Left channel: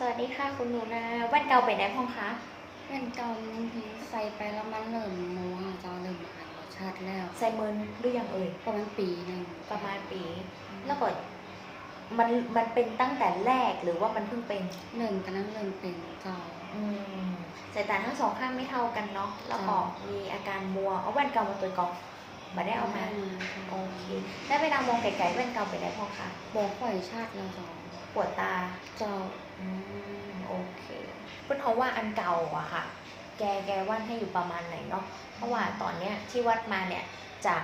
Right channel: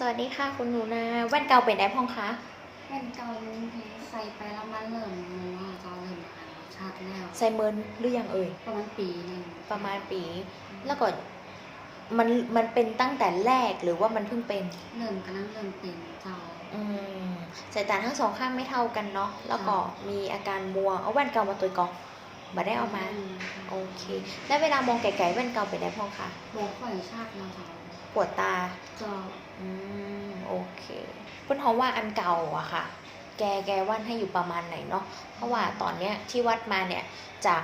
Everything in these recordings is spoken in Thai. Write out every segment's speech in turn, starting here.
สวัสดีค่ะคุณหนูนาแว่นเก่าเป็นไงพ้องคะแว่นเก่ามันใส่ไปแล้วมันเริ่มมัวจอเริ่มอ่านรสชาติแล้ว ใส่เมินหรือยังเอ่ยประมาณปีหนึ่งประมาณปี แล้วก็มันมันเป็นตั้งแต่แรกหรือว่ามันเพิ่งเป็นเริ่มกันนั้นเริ่มเป็นเก่าอืมสายตาทั้งสองข้างไม่เท่ากันเนาะแล้วก็ค่ะมีอาการมัวเอาแว่นเก่ามาตัวกองมาได้เอามาโอเค แล้วเวลามองไกลๆแว่นเก่าเป็นไงพ้องคะโบกไฟชาติแล้วเจ้าปวดตาเจ้า อืมโอเคเพื่อนเขาว่าอันเก่าอะค่ะ แกแกวัดให้อยู่ประมาณไหนเนาะเพราะว่าตอนเนี้ยที่วัดมาเนี่ยจาก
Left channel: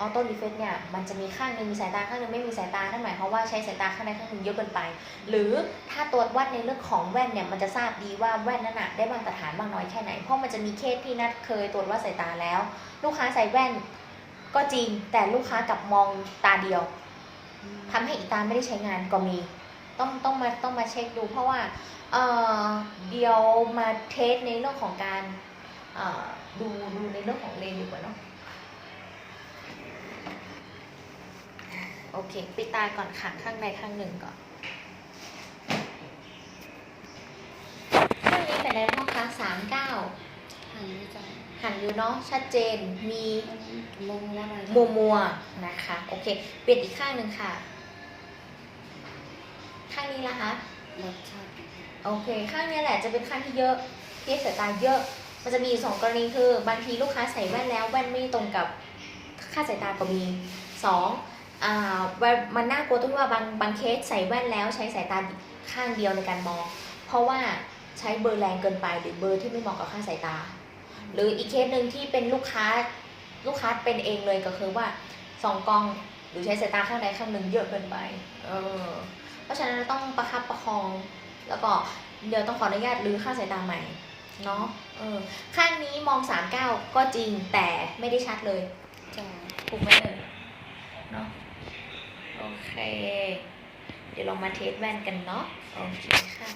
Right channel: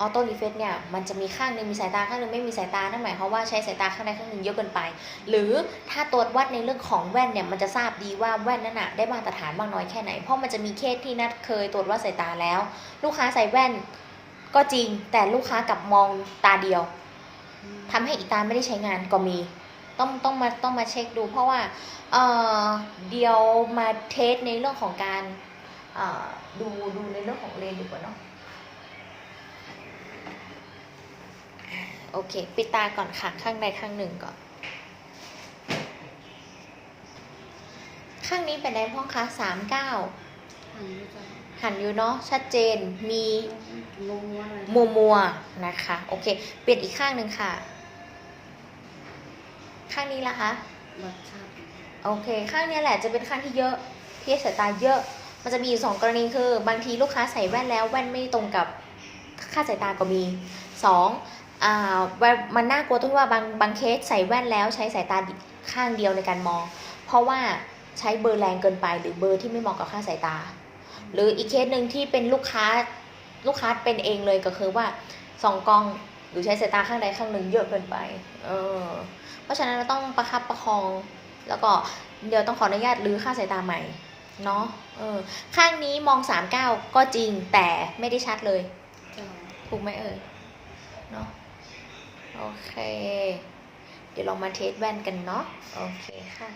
ออโต้รีเฟกเนี่ยมันจะมีข้างหนึ่งมีสายตาข้างหนึ่งไม่มีสายตานั่นหมายความว่าใช้สายตาข้างใดข้างหนึ่งเยอะเกินไป หรือถ้าตรวจวัดในเรื่องของแว่นเนี่ยมันจะทราบดีว่าแว่นนั้นอะได้มาตรฐานมากน้อยแค่ไหน เพราะมันจะมีเคสที่นัดเคยตรวจวัดสายตาแล้ว ลูกค้าใส่แว่นก็จริงแต่ลูกค้ากลับมองตาเดียวทำให้อีกตาไม่ได้ใช้งานก็มี ต้องต้องมาต้องมาเช็คดู เพราะว่าเอ่อเดียวมาเทสในเรื่องของการเอ่อดูดูในเรื่องของเลนส์ดีกว่าเนาะอ่าโอเค ปิดตาก่อนค่ะข้างใดข้างหนึ่งก่อน ข้างนี้เป็นไงพ่อคะสามเก้าทางนี้เจ้าหันอยู่เนาะชัดเจนมีมัวมัวๆหน่อยมัวมัวๆนะคะ โอเค เปลี่ยนอีกข้างหนึ่งค่ะ ข้างนี้ละคะรสชาติโอเค ข้างนี้แหละจะเป็นข้างที่เยอะที่สายตาเยอะ มันจะมีอยู่สองกรณีคือบางทีลูกค้าใส่แว่นแล้วแว่นไม่ตรงกับค่าสายตาก็มีสองอ่ามันน่ากลัวตรงที่ว่าบางบางเคสใส่แว่นแล้วใช้สายตาข้างเดียวในการมอง เพราะว่าใช้เบอร์แรงเกินไป หรือเบอร์ที่ไม่เหมาะกับค่าสายตา หรืออีกเคสหนึ่งที่เป็นลูกค้าลูกค้าเป็นเองเลยก็คือว่าสองกล้องหรือใช้สายตาข้างใดข้างหนึ่งเยอะเกินไป เออ เพราะฉะนั้นเราต้องประคับประคอง แล้วก็เดี๋ยวต้องขออนุญาตรื้อค่าสายตาใหม่เนาะเออข้างนี้มอง39ก็จริงแต่ไม่ได้ชัดเลยจาถูกไหมเอ่เนาะโอเค เดี๋ยวเรามาเทสแว่นกันเนาะโอเคค่ะ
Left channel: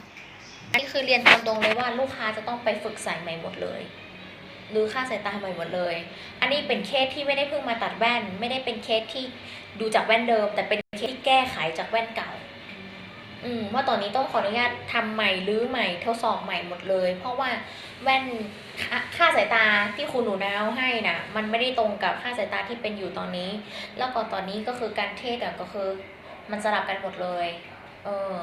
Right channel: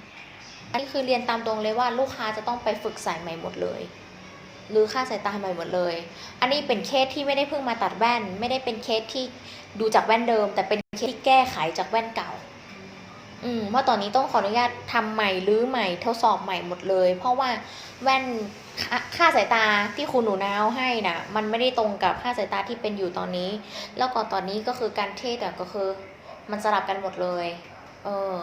อันนี้คือเรียนตามตรงเลยว่าลูกค้าจะต้องไปฝึกใส่ใหม่หมดเลยหรือค่าสายตาใหม่หมดเลย อันนี้เป็นเคสที่ไม่ได้เพิ่งมาตัดแว่น ไม่ได้เป็นเคสที่ดูจากแว่นเดิม แต่เป็นเคสที่แก้ไขจากแว่นเก่า อืมเพราะตอนนี้ต้องขออนุญาตทำใหม่รื้อใหม่ทดสอบใหม่หมดเลย เพราะว่าแว่นค่าสายตาที่คุณหนูนาวให้น่ะ มันไม่ได้ตรงกับค่าสายตาที่เป็นอยู่ตอนนี้ แล้วก็ตอนนี้ก็คือการเทศก็คือ มันสลับกันหมดเลย เออ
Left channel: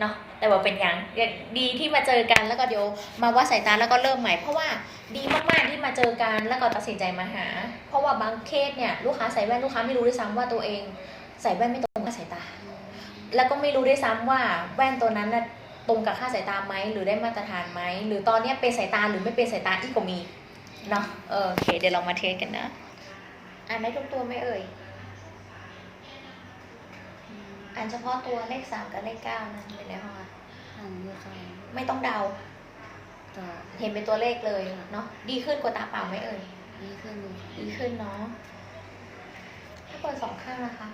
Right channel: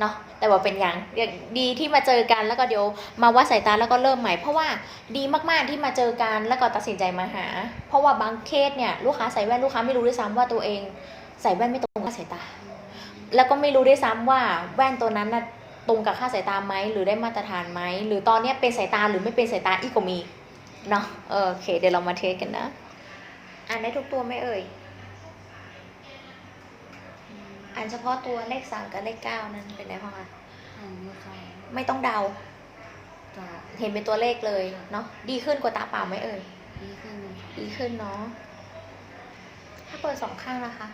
เนาะแต่ว่าเป็นอย่างอย่างดีที่มาเจอกันแล้วก็เดี๋ยวมาวัดสายตาแล้วก็เริ่มใหม่ เพราะว่าดีมากๆที่มาเจอกันแล้วก็ตัดสินใจมาหา เพราะว่าบางเคสเนี่ยลูกค้าใส่แว่นลูกค้าไม่รู้ด้วยซ้ำว่าตัวเอง ใส่แว่นไม่ตรงกับสายตา แล้วก็ไม่รู้ด้วยซ้ำว่าแว่นตัวนั้นน่ะตรงกับค่าสายตาไหมหรือได้มาตรฐานไหมหรือตอนเนี้ยเป็นสายตาหรือไม่เป็นสายตาอีกก็มีเนาะเออโอเค เดี๋ยวเรามาเทสกันนะอ่านได้ทุกตัวไหมเอ่ยอ่านเฉพาะตัวเลขสามกับเลขเก้านะเป็นไงบ้างคะทางนี้เจ้าไม่ต้องเดาเจ้าเห็นเป็นตัวเลขเลยเนาะดีขึ้นกว่าตาเปล่าไหมเอ่ยดีขึ้นดีขึ้นเนาะถ้าเปิดสองข้างนะคะ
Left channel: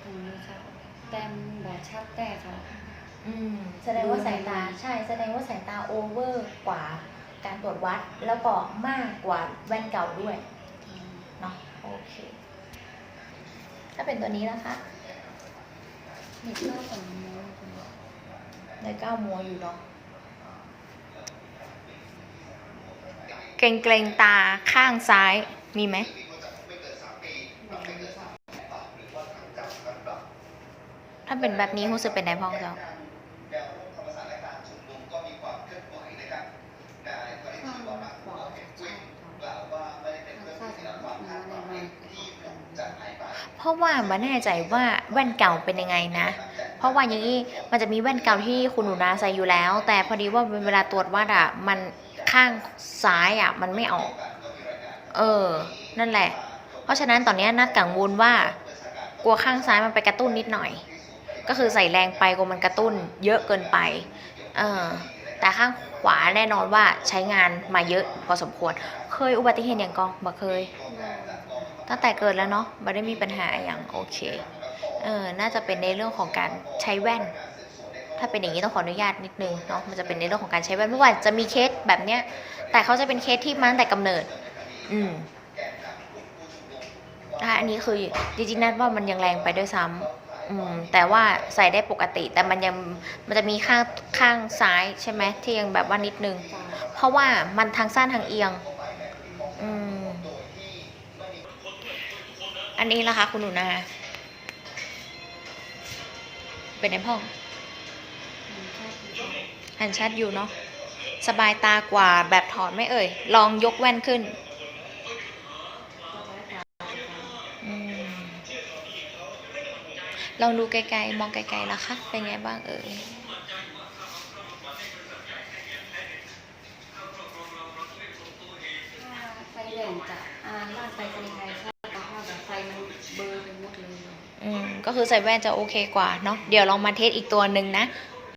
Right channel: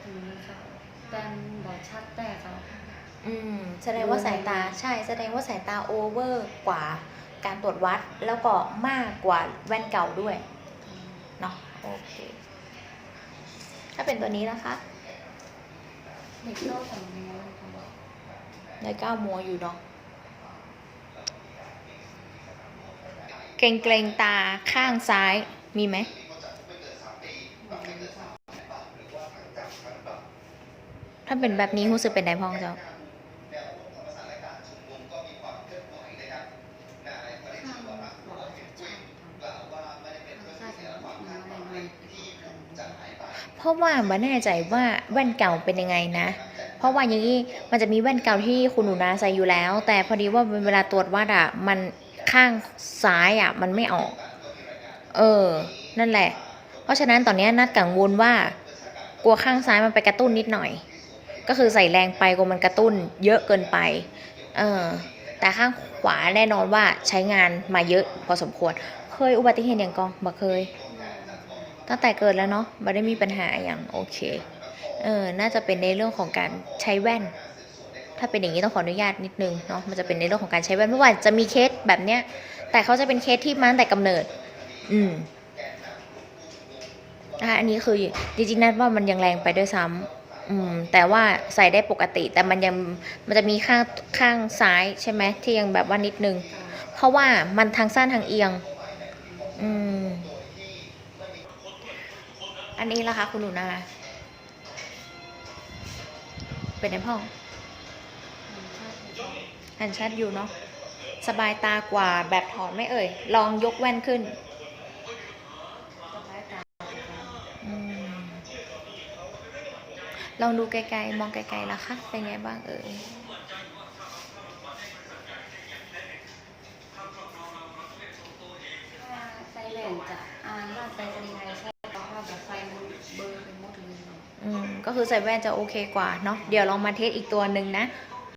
ทางนี้เจ้า แต้มบอชัดแต่เจ้าอืมแสดงว่าสายตาใช่แสดงว่าสายตาโอเวอร์กว่าการตรวจวัดแล้วก็มากกว่าแว่นเก่าด้วยเนาะโอเคถ้าเป็นตัวนี้นะคะเด็กโลกของมัวเจ้าในก้าวมัวอยู่เนาะเกรงเกรงๆตาข้างซ้ายมีไหม ถ้าเป็นแบบนี้รู้สึกเป็นไดพองเจ้าเพราะว่าไม่แน่ใจว่าแว่นเก่าเป็นยังไงนะ เพราะว่าอย่างนี้มันจะมีแว่นเก่าที่คุณหนูนาใส่อยู่แล้ว แต่พอดีว่าเวลาตรวจวัดอะมันข้างซ้ายอะ มันไม่ออก เออ นั่นแหละ เพราะฉะนั้นตอนนี้นัดกังวลว่ากลัวข้างซ้ายมันไปกระตุ้นนิดหน่อย ก็คือใส่แรงไปกลัวมันกระตุ้นเยอะเกินไป เออแต่ข้างขวาแน่นอนว่าใช้งานมาเยอะพอสมควร เคยอุบัติเหตุอย่างกองบ่เคย ตั้งแต่เกิดแล้วเนาะไม่ได้มีปัญหาอย่างโอเค เออ น่าจะเป็นในเรื่องของการใช้แว่น ถ้าเป็นอย่างนี้ต้องขออนุญาตนิดนึงเนาะ มันจะเป็นในเรื่องของการใช้แว่นเพราะว่าจะมีเคสแบบเนี้ย แต่เขาจะเป็นเคสที่มาตั้งแต่กำเนิด อืมอันนี้คือจริงๆนัดว่ามันยังแรงไปด้วยซ้ำ อืมแต่ว่าใส่ได้ปกติ แต่มันยังมันจะมีข้างข้างซ้ายใช่ไหมที่ยังแบบว่านิดนึง เพราะว่ามันทางสั้นทางเอียง อืม อันนี้ล่ะคะคุณหนูนาเป็นในห้องมันชอบดูก่อนหันชัดอยู่เนาะสบายตากว่าแบบถอดไม่เอ่ย ลองยกแว่นขึ้น ลองดูไกลๆ มองไกลๆนะคะ เป็นไงบ้างเอ่ยถ้าไฟแหว่งจะอ่านร้านไปสนิทไทยชอบเพราะว่าแบบไฟมันเบลอไปหมดเลยเนาะอืม ก็คือใส่แว่นจะโอเคกว่าเนาะ เดี๋ยวลองมาเทสอีกตัวหนึ่งนะจ